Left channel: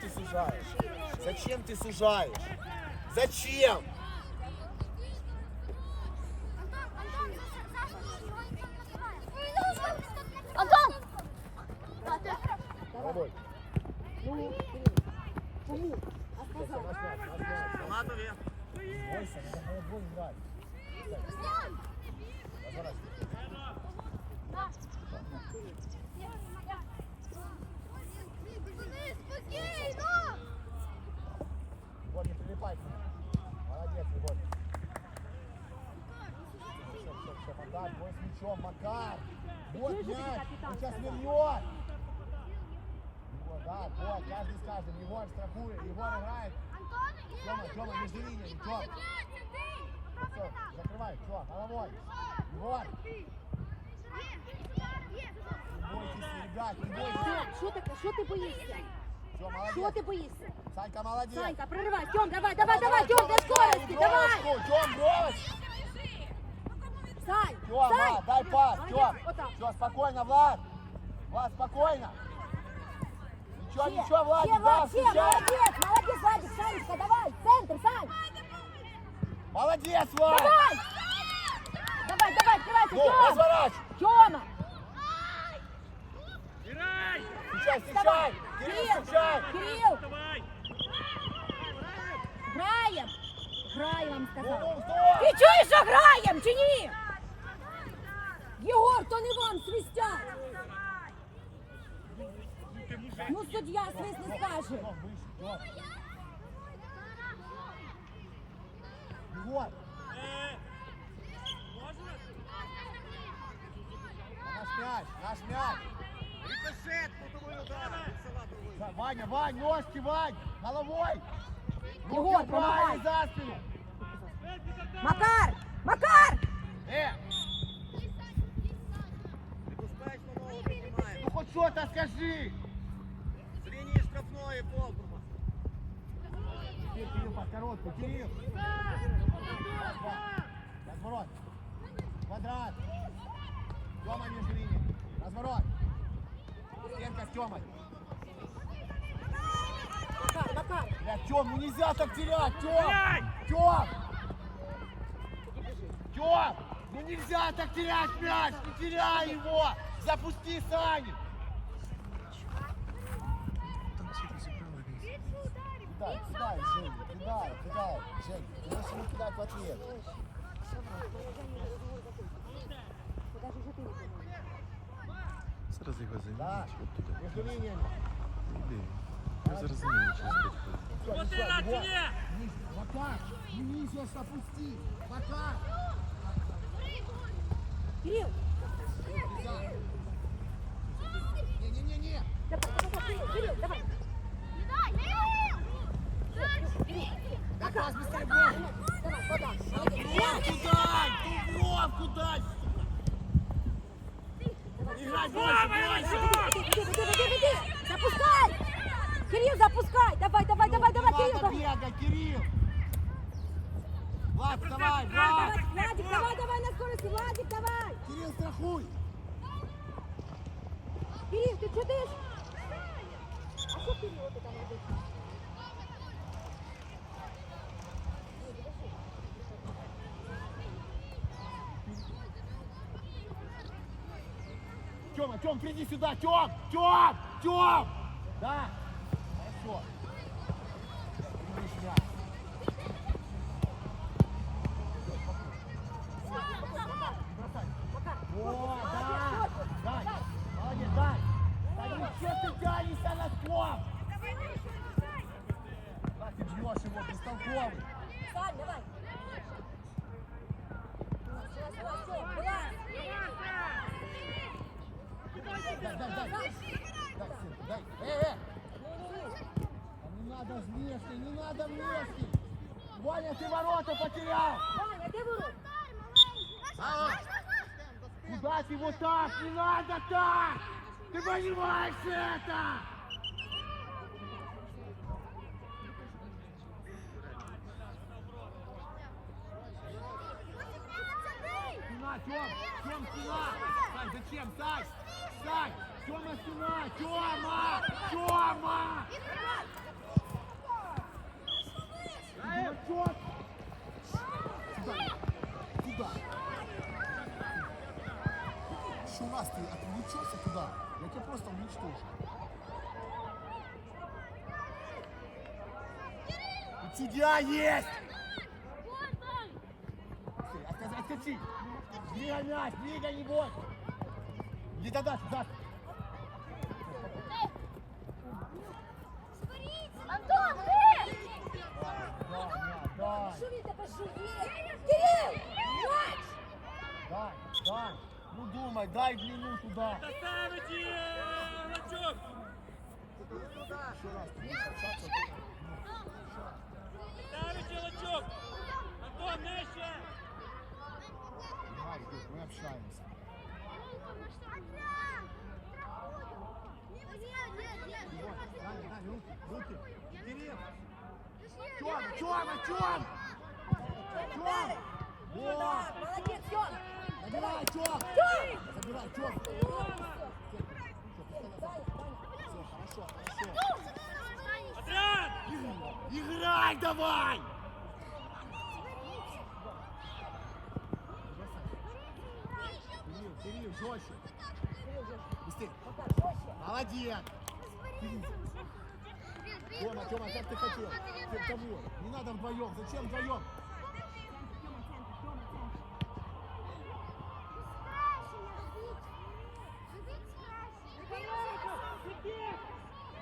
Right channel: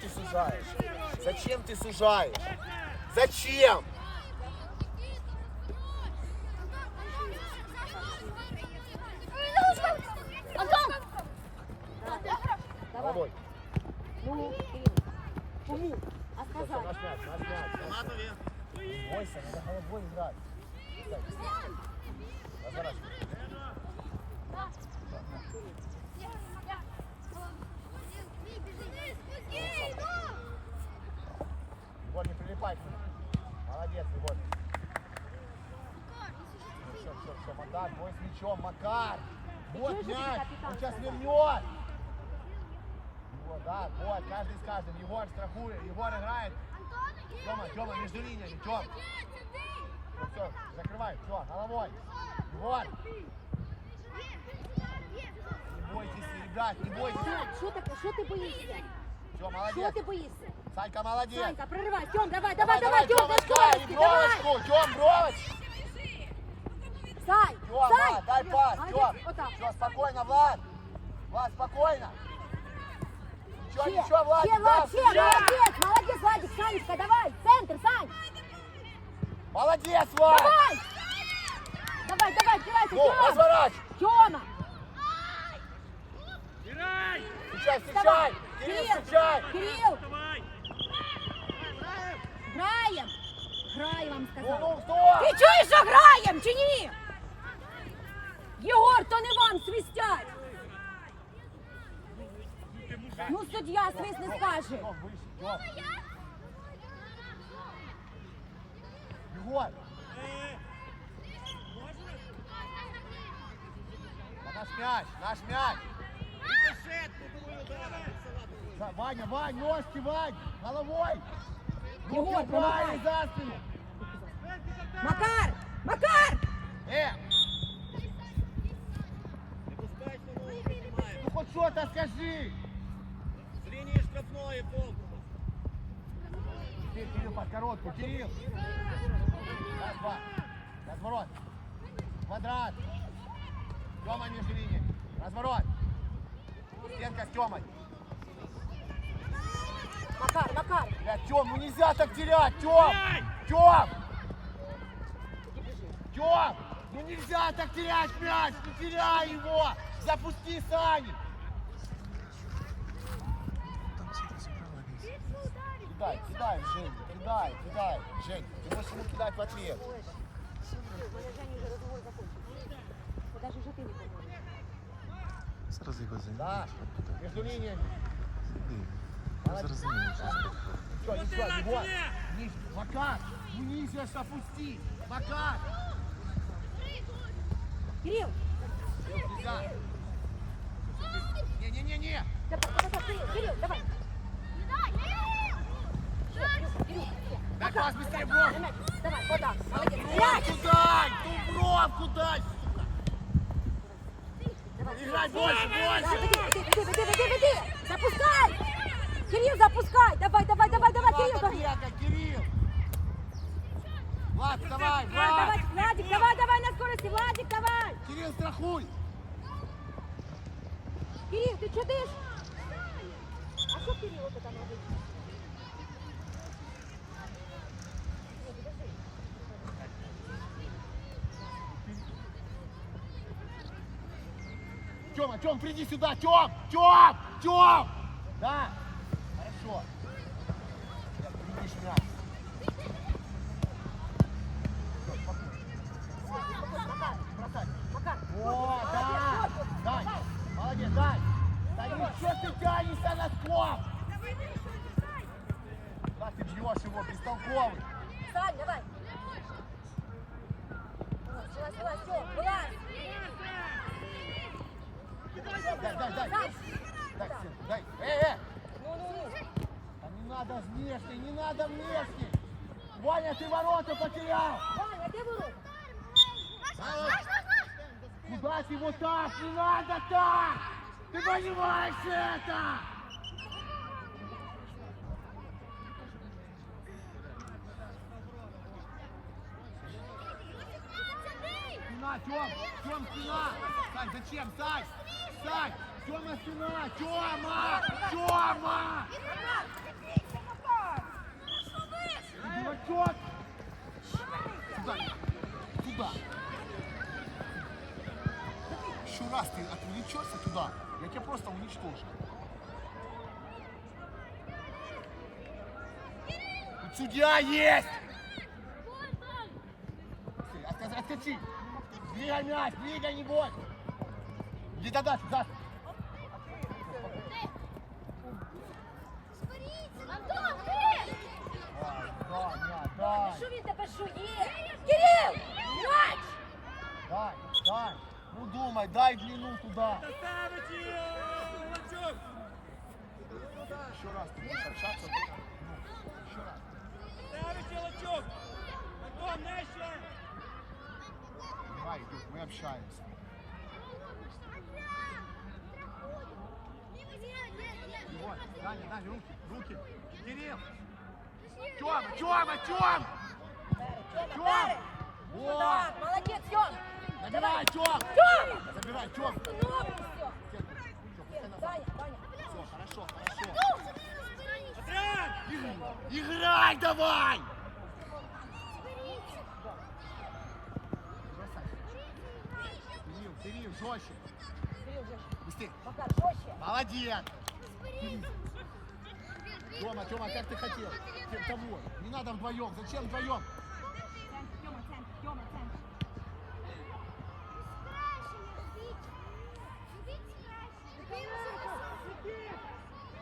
ты сужаешь? Зачем ты сужаешь? Зачем? Антон! Головой. Ну, Кирилл, кому? А Все, все, сказал. наш мяч, наш мяч. Бойся, надо головой играть. Разворачивай. Егор, не прилипай к нему. Молодец, Егор. Все, все, все, Бой с мячом, Макар. Вот мяч, он сейчас вернет. Егор, да, вот, каждый с каждым. Егор страхует, Егор играет. Тёма, Тёма, между линиями, Тём. Все, закрывай, все, головой. Егор, не бойтесь, ребят, не бойтесь. Що таке? Що ти боїшся? Все, молодец. ти боїшся? Санька, молодец. Санька, проривай. Тьом, давай, давай, давай, Тьом, до скорости, давай. Тём, бровочку. Сань, Тём, Сань. на, дай пас, Молодец, Тём. вот так. Все, спокойно, Влад. Влад, спокойно. Ничего, Ще, ничего, Влад, ще, Влад, ще, молодець, молодець, Владик, Санечка, давай, центр, Сань, Молодец, Влад. давай. Давай, давай, открывайся, Ну, Тём. разворачивай. Тёма, Встречай, давай. встречай. Кирилл, Кирилл, встречай. Кирилл, Давай! граєм. Граєм, вам Ну, сказав. ну, Ти что? чуєш, що граєм чи ні? Єгор, то не вам свистять. Ну ти мужик! Ну, суддя свист не скаже. Тём, выше, Тём. Егор, Е, Можна? а наш мяч, наш мяч. Рикошет, кутовий удар! Від Салатової. Да, Ваня, Вань, ножки, Вань, головой. Руки Егор, убрали помогай. за спину. Макар! Макар! Э, піднімаємо. ну хоть что-то скажи. З лінії штрафної Полкрума. Теперь Кирилл под короткую, Кирилл. Раз, два. Разворот. Квадрат. Тёма между линией. Разворот. Стенка с Тёмой. Макар, Макар! Бля, Тём, ну нельзя так терять, Тём! Ай! Тём! Тём! Ну нельзя так терять мяч! Не теряй его! Запусти Сани! Кидай, кидай, Жень, кидай, кидай. Жень, ты можешь ему кидать в ответ. У мене Жені вже розговор закончився. Бо навіть вже ти не поможеш. Зараз його заміниш. Да, между линиями. Зараз заміниш. Все, Ну ничего, ты на его. коне! Ниже. Макар, ну ниже ж опусти. Макар. Кирил! Нельзя. Не-не-не-не. Давай, давай, давай, Кирил, Кирил, давай! Дай пас быстрее, Бог. Давай, молодец. Вот Мяч! кидай! Ты в бровку дай! Давай, Играй Давай, больше, больше! Веди, веди, веди, веди, веди! Запускай! Кирилл, запускай! Давай, давай, давай, давай, Кирилл! Давай. Кирилл! Влад, Давай, Влад! Владик, давай, давай на скорости, Владик, давай! Кирилл, страхуй! Кирилл, ты что дышишь? А что Кирилл это там Тём, приди сюда! Тём! Тём! Тём! Да! Хорошо. Мяч. Не бросай. Макар, О, да! Дай! Молодец, дай! Да не че ты тянешься на склон? Да, ты бьешь его, бестолковый. Сань, давай. Давай, давай, всё, вылазь. Дай, дай, дай. Дай, дай. Э, э! Ну, ну, ну. А не надо внешний, не надо внешний! Ваня, ты ворота потерял! Ваня, где ворота? А, Куда ты вот так? Не надо так! Ты понимаешь это? Спина, Тём! Тём, спина! Сань, зачем? Сань! Сань! Тёма, стена! Тёма! Тёма! Дурачок! Куда? Куда? Еще раз ты отвлечешься туда, я тебя просто уничтожу. Тут судья есть! Откати! Двигай мяч, двигай, не бойся! Иди туда, сюда! Антон, ти! Дай, мяч, дай! Що він тебе жує? Кирил! М'яч! Дай, дай! Ну думай, дай длину туда! Красавичі! Лачок! Еще раз ты будешь общаться. Ну, еще раз. Красавичі, лачок! Антон, нижче! Давай, Дух, мы общаемся. Вот, Даня, Даня, руки, руки. Кирилл! Тёма, Тёма, Тём! Тём! Вот! Так, молодець, Тьом! Набирай, Тём! Тьома! Забирай, Тём! Все, Даня, Даня. Все, хорошо, хорошо. Играй давай! Бросай. Кирилл, Кирилл, жестче. Кирил, же, Быстрее. пока жестче. Молодец. Тёма, Тёма, как ты хотел? Ты того. Не надо вдвоем. Зачем вдвоем?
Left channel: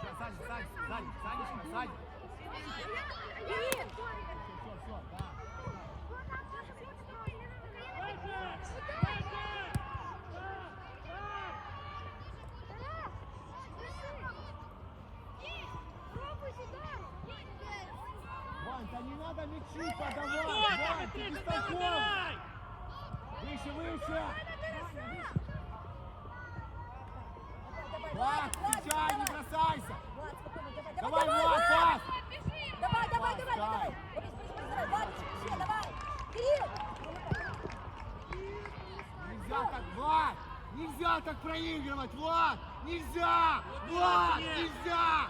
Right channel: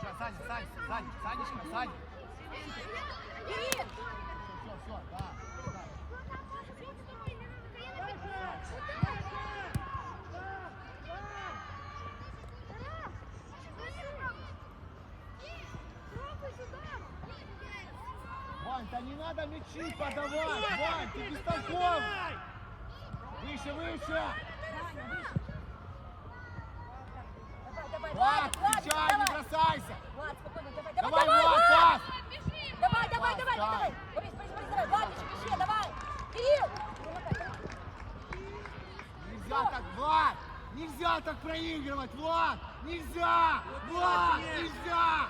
Сейчас, Саня, Саня, Саня, Санечка, Саня. Все, все, все, да. да. Вань, да не надо мячи подавать. Вань, ты бестолковый. Выше, выше. Выше. Влад, встречай, не бросайся. Влад, спокойно, давай, Давай, давай, Влад, пас. Давай, давай, давай, давай. Борис, Борис, Борис, давай. Владик, еще, давай. Кирилл! Нельзя так, Влад! Нельзя так проигрывать, Влад! Нельзя! Влад, нельзя!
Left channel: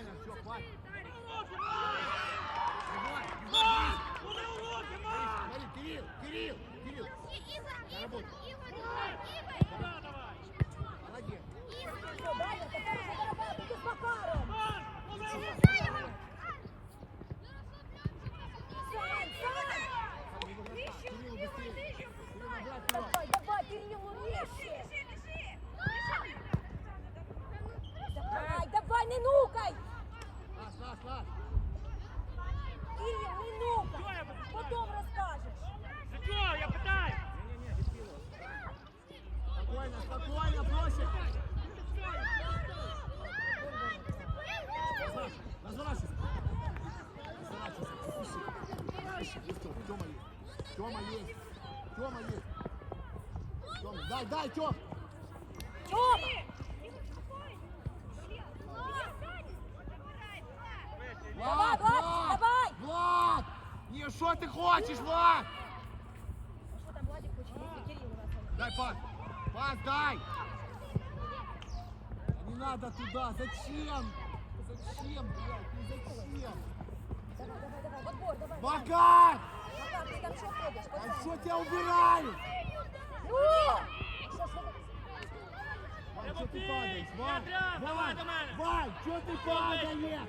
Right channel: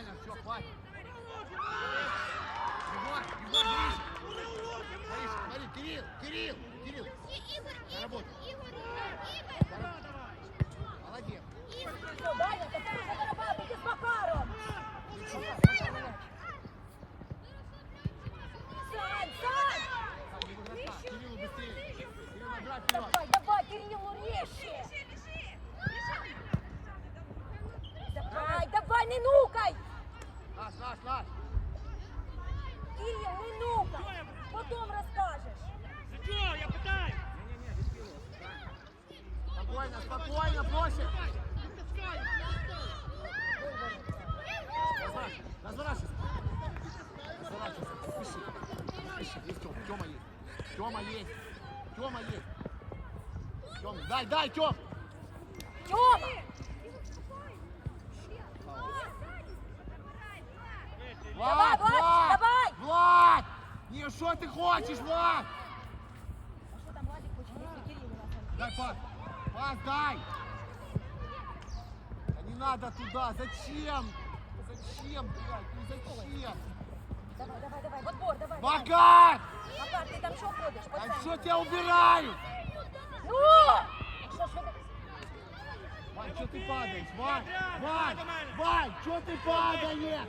Нормально, все, хватит. Егор, Егор, ближе. Смотри, смотри, Кирилл, Кирилл, Кирилл. Молодец. Все, Даня, тепер уже барабанити з Макаром. Сань, Сань! Кириллу быстрее. Кирилл, вперед. Давай, давай, Кириллу резче. Давай, давай, не нукай. Наш, наш, наш. Кирилл, не нукай. Потім розкажеш. За чого? Я питаю! Спокойно, спокойно, бросим. Разворачивайся. Разворачивайся. Спеши. Спеши. Есть Тёма. Тёма есть. Тёма есть. Тёма есть. Тёма, дай, дай, Тём. Давай, Влад, Влад, Влад, давай. Влад! Не, что ты хочешь, Влад? А що там Владик хоче, якщо Кирилл у нас? Дай пас. Пас дай. Да не надо туда. Зачем? Зачем, блядь? Ну зачем? Давай, давай, давай, в отбор, давай. Макар! Макар, ти там що ходиш? По А центру? что тебя убирают? Ну! Що, що ти? Вань, что ты падаешь? Вань, Вань, Вань, что ты падаешь?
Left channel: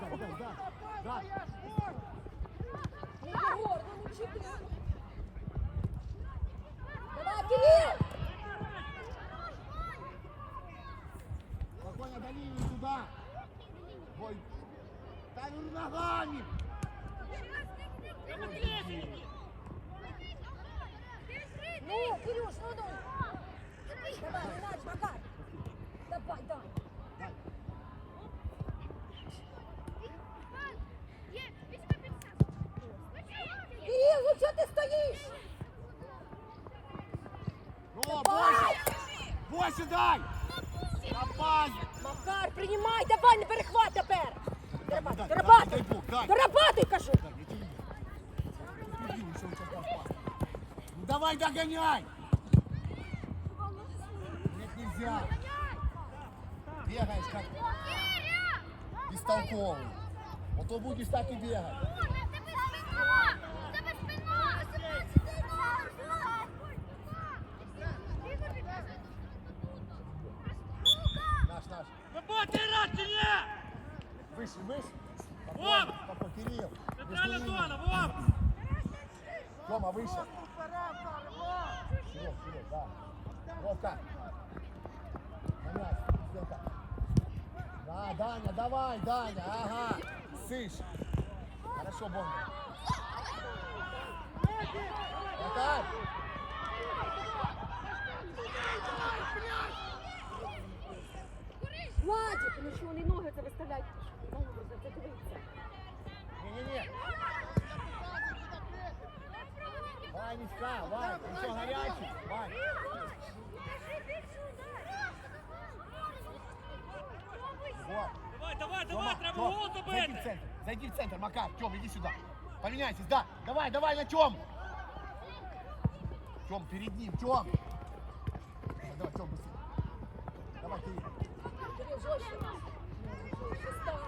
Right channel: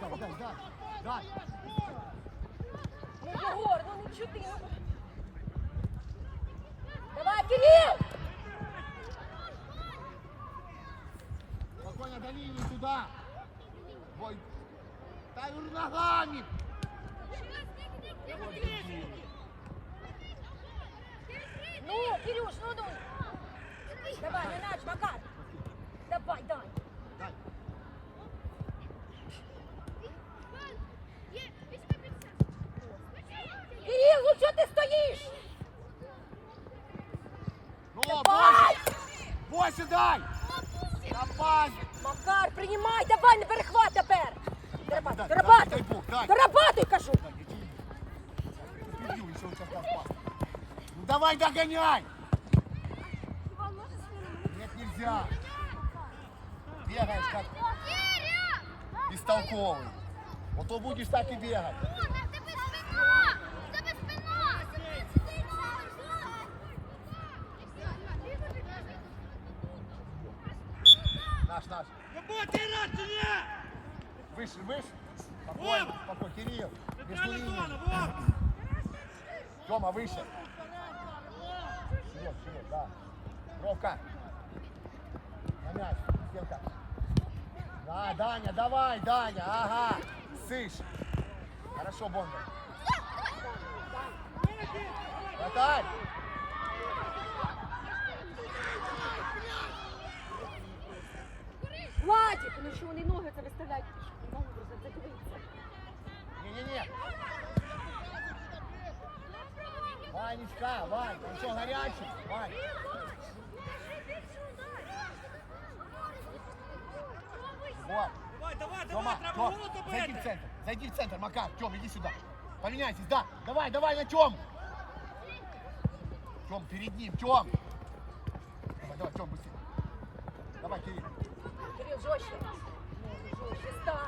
Дай, дай, дай, дай. Ну, Єгор, ну ну чого ти? Сюда. Бой. Та ну ногами. Ну, Кирюш, ну, ну. Давай, на мяч, Макар. Давай, дай. Дай. Кирилл, ну что ты стоишь? Ну, Давай! Больше дай. Макар, принимай, давай, не перехват тепер. Дай, дай. Зарабатуй, кажу. Ну давай догоняй. Нет, нельзя. Бегаешь как бестолковый. Вот то будешь так и бегать. Наш, ні? Выше, выше. Спокойно, спокойно. Кирилл, между Вов! Тёма, выше. Вперед, вперед, да. Ровка. На мяч, стенка. Да, Даня, давай, Даня, ага. Сышь. Хорошо, Бондар. Вратарь. Владик, ну що вони ноги це виставляють? Знову просто це дивиться. Не-не-не. Ванечка, Вань, ты что, горячий? Вань. Вот. Давай, давай, Тёма, давай, Тём, зайди в центр, зайди в центр, Макар, Тём, иди сюда. Поменяйтесь, да, давай, давай на Тём. Тём, перед ним, Тём. Давай, давай, Тём, быстрее. Давай, Кирилл. Жестче. Жестче, стар.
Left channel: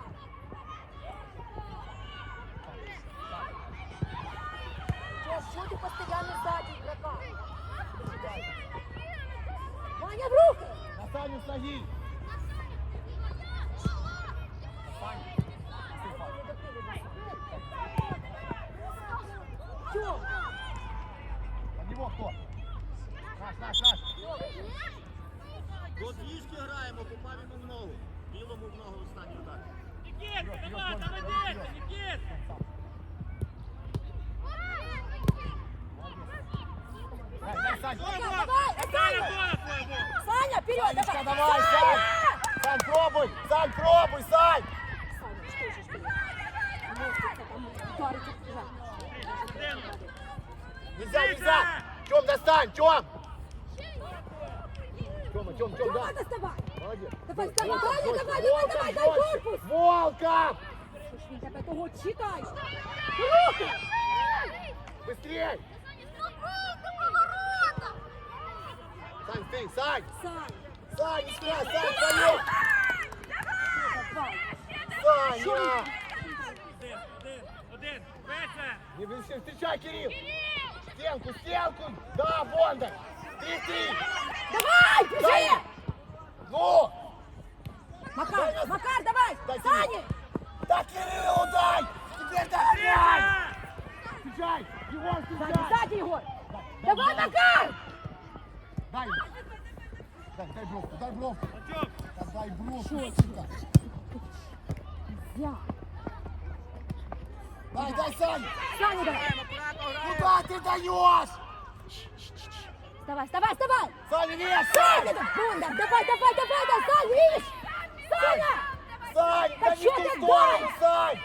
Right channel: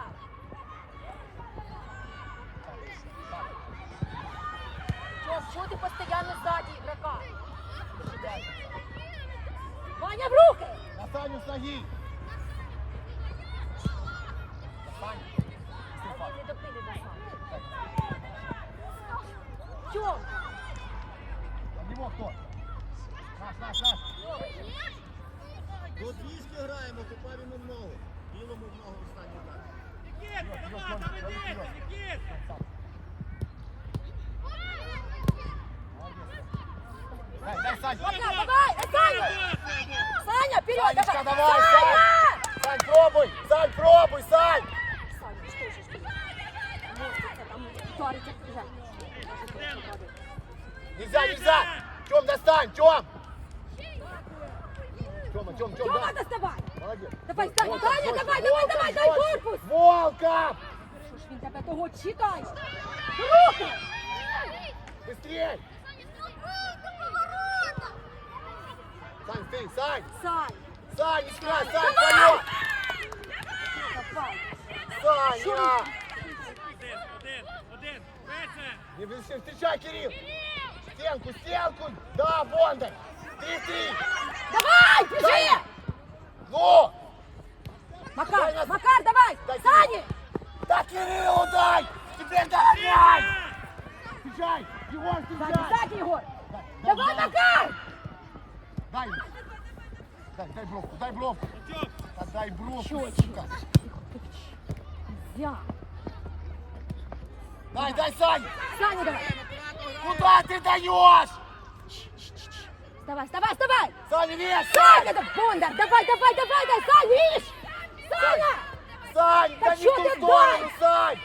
Тём, что ты постоянно сзади игрока? Ваня, в руки! На Саню с ноги. На Саню. Тём, Под него кто? Наш, наш, наш. До двіжки граємо, попав йому в ногу. Білому в ногу останній удар. Вперед, вперед, Тём, вперед, вперед. Тём, сам. Молодец. Дай, дай, Сань. Макар, давай, Центральна Саня! зона твоя, Вов! Саня, вперед, Санечка, давай! давай, Саня! Сань, пробуй! Сань, пробуй, Сань! Нельзя, нельзя! Тём, достань, Тём! Тём, Тём, Тёма, да! доставай! Молодец! Давай, Саня, жестче, давай, давай, давай, дай корпус! Волков! Що ж він тебе того читає? Руки! Быстрей! Сань, ты, Сань! Сань! Сань, не играй, Сань, Давай! полет! Саня! Один, один, один. Швидше! Не встречай, Кирилл! Стенку, стенку! Да, Бондар! Три-три! Давай, бежи! Ну! Макар, Макар, давай! Дай Саня! Да Кириллу дай! Теперь дай! Встречай! Егор, Сзади, встречай! сзади, Егор! Дай, Давай, дай, Макар! Дай. Дай, дай бровку, дай бровку. Да дай бровку, сука. Я. Дай, дай, Сань! Саня, давай! Куда ты даешь? Вставай, вставай, вставай! Саня, вес! Саня, да, Бондар, давай, давай, давай, давай, Сань, видишь? Саня! Сань, Да да не чё в ту ты сторону, дай? Сань!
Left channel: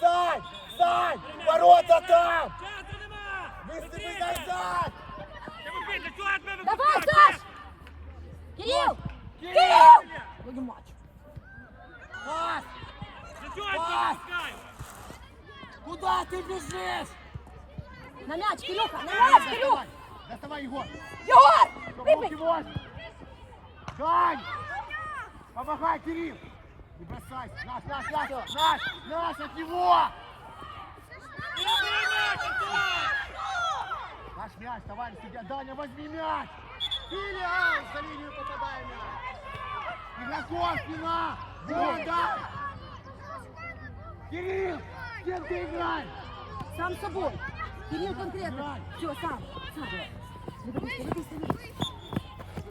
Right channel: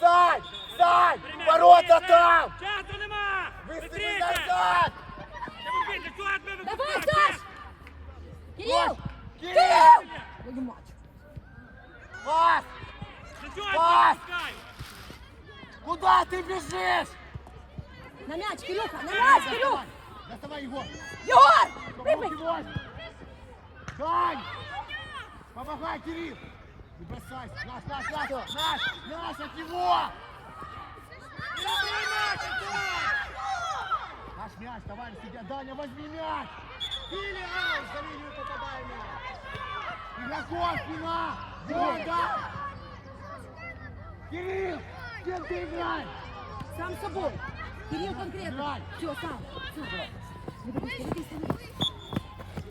Сань! Сань! Ворота там! Часу нема! Быстрее Быстрее! назад! Не випийте, чого тебе Давай, випускати? Саш! Кирилл! Кирилл! Кирилл! Твою мать! Пас! Для чого тебе Пас! випускаю? Куда ты бежишь? На мяч, Кирюха, на Дай, мяч, Кирюха! доставай! Доставай, Егор! Егор! Чтоб прыгай! руки возьми! Дань! Помогай, Кирилл! Не бросайся! Наш, наш, наш! Наш! Наш от него! Наш мяч, товарищ судья! Даня, возьми мяч! Філіал! За лінію попадає м'яч! Игроков, спина! Бонда! Кирилл! С кем ты играешь? Сам собой. Кирилл конкретно. Играй. Все, сам. Сам. Не дивись, не дивись, не дивись.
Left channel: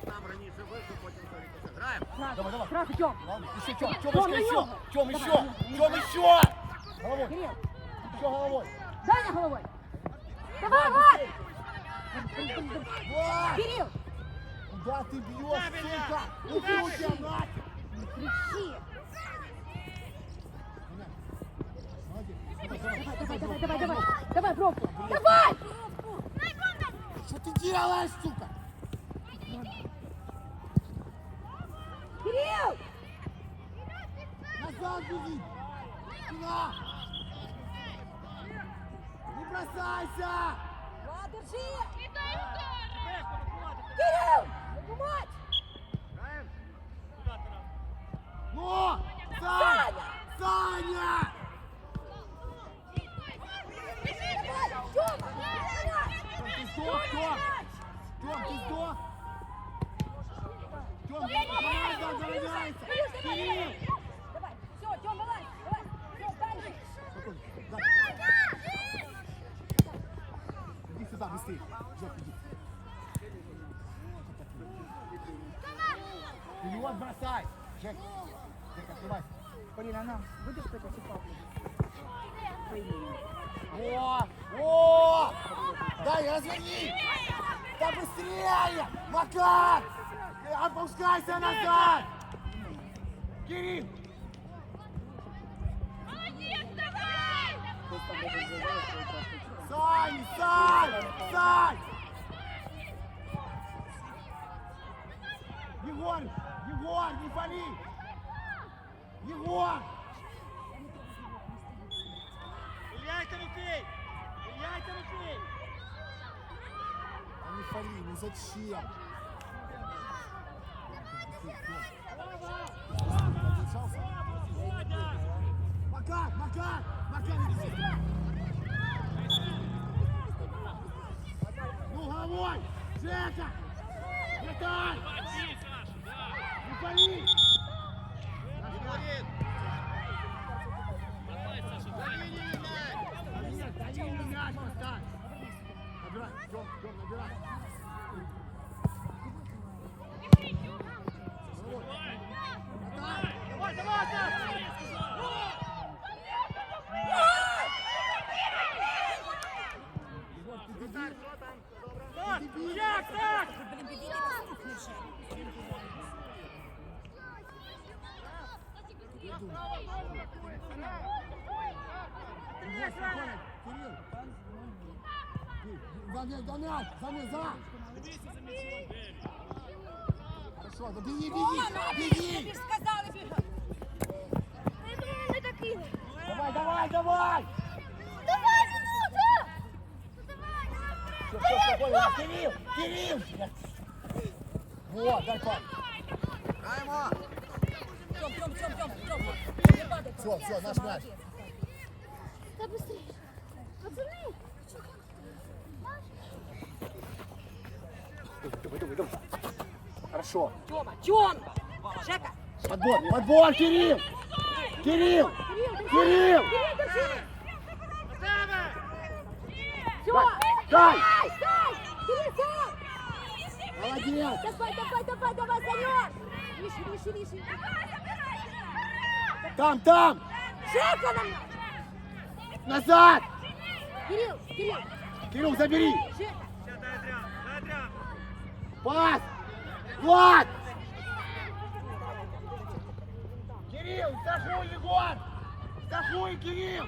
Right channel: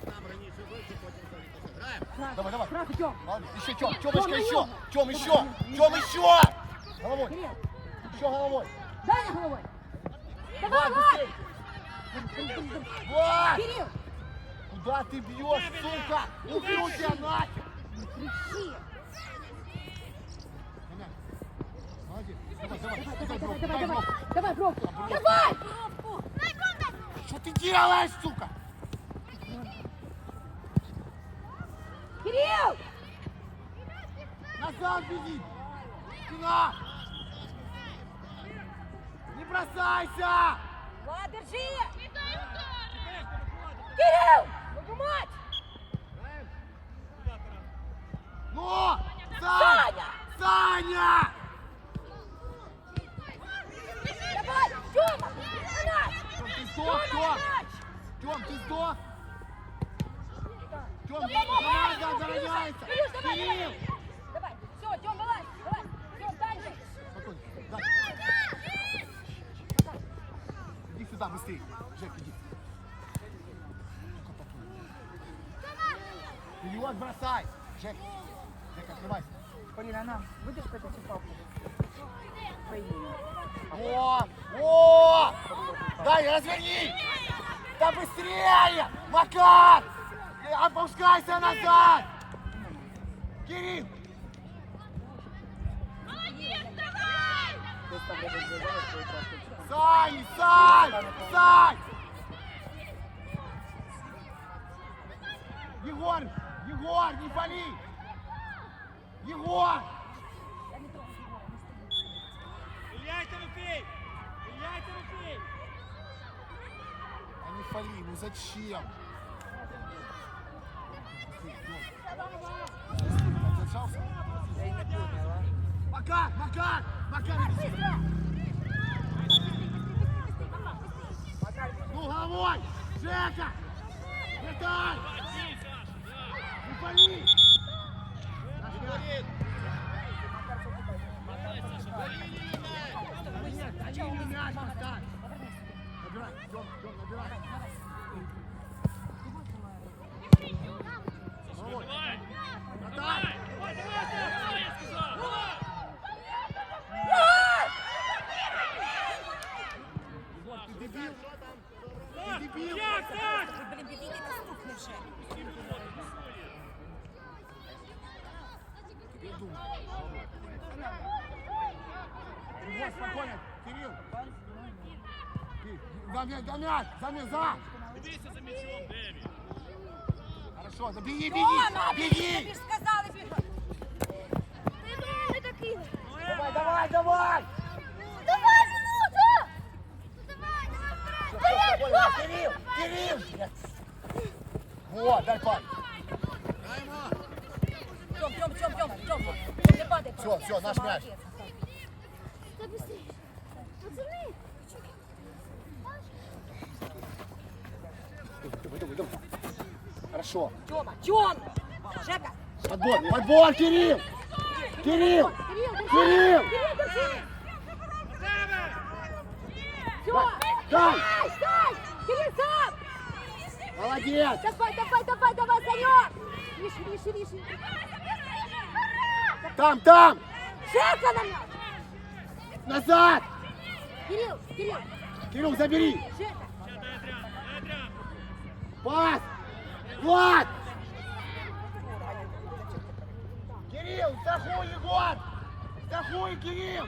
Там раніше вийшов, потім за рикошет. Граємо! Давай, давай. Сразу, Тём. Молодец. Еще, Тём, Тём, Тёмочка, на еще. него. Тём, Давай, еще. на него. Тём, еще. Головой. Кирилл, Еще головой. дай на головой. Давай, Влад, Влад. быстрей. Влад! Кирилл, Куда ты бьешь, сука? Убью тебя нафиг. не кричи. Молодец. Давай, давай. Давай, давай, давай, бровку, давай, давай. бровку. Давай, бровку. Давай. Что Ты делаешь, сука? Кирилл. Назад беги. Спина. Не бросайся. Влад, держи. Кирилл, твою мать. Ну, Саня! Саня! Давай, Тёма, ты сдох, Тём! Тём, ты сдох! Тём, Давай, команда давай, Кирилл! Давай, все, Тём, вылазь, давай. Тём, дальше. Спокойно, да. Иди сюда быстрее. Жек, иди. Вперед бросай! Жек, Жек, открывайся. Полина, на, будешь что-то О! О! Дай, разверни! Да быстрее! Макар! Опускайся назад! Кирилл! Сань! Сань! Сань! Егор! Егор, не пали! Егор! Илья, Тимофей! Илья, Тимофей! А не фали, ну зачем? Задержался? Макар, Макар, Макар, иди сюда. Ну, головой! Жека! Вратарь! Не пали! Наш мяч. Да нет, на линию мяч поставь. Набирай, Тём, Тём, набирай. Головой. Вратарь! Егор, ты дебил? Ты дебил? Як так? Блин, беги, ты наступный же. Я думаю. Егор, спокойно, Кирилл. Кирилл, За мяч, за мяч, за! Дивися за м'ячом, Деві. Хорошо, да беги, беги, Тёма, беги! ты же сказал, беги. Давай, давай, давай! Всё, всё, спокойно, Кирилл, Кирилл! Вот, дай паль. Тём, Тём, Тём, Тём, Тём. Не падай. Всё, всё, наш мяч. Молодец. Давай, давай, давай. Хорошо. Тёма, Тём. Жека. Подбор, подбор, Кирилл! Кирилл! Кирилл. Кирилл! Держи. Всё. Дай! Дай, дай. Кирилл, сам. Молодец! Давай, давай, давай, давай, Санек. Выше, выше, выше. Там, там! Жека нам. Назад! Кирилл, Кирилл. Кирилл, забери! Жека. Ще дай Адріан, дай Адріан. Пас! Влад! Кирилл, страхуй, Егор! Страхуй, Кирилл!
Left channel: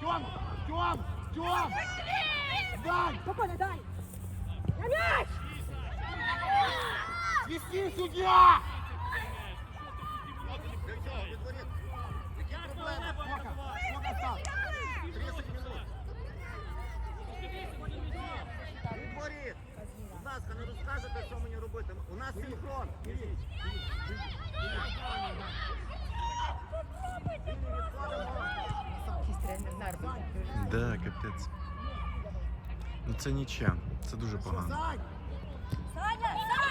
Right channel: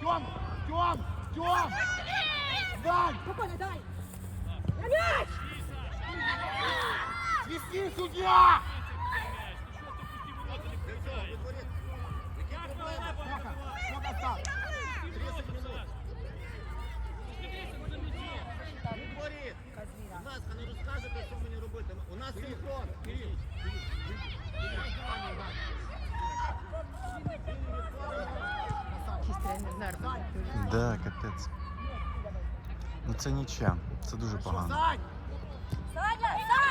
Тём, Тём, Тём! Дай! Спокойно, дай. На мяч. Свисти, судья! Сколько? Сколько осталось? Відборіт. Будь ласка, не розкажете, що мені робити. У нас синхрон. Да, капець. Ну це нічим. Це дуже погано. Саня! Саня!